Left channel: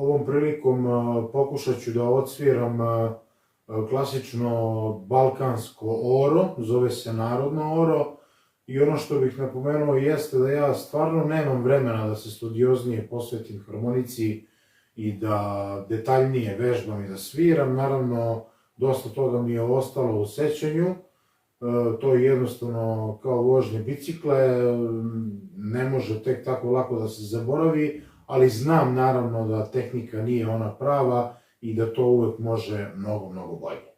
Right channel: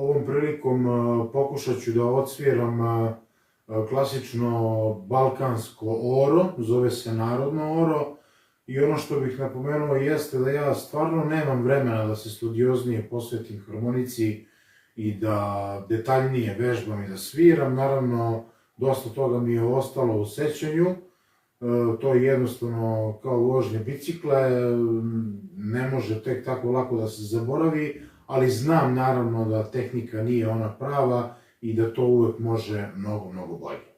Ovom prilikom pokušat ću da odsviram klasično balkansko oro, zove se narodno oro, i ono što bih napomenuo jeste da ja stvarno nemam vremena da se studioznije posvetim harmonici i da detaljnije vežbam i da sviram. Naravno, dosta toga mi je ostalo u sećanju, to je jednostavno kao vožnje bicikle, ne može tek tako lako da se zaboravi, ali znam naravno da tehnika nije ona prava i da to uvek može mnogo, mnogo bolje.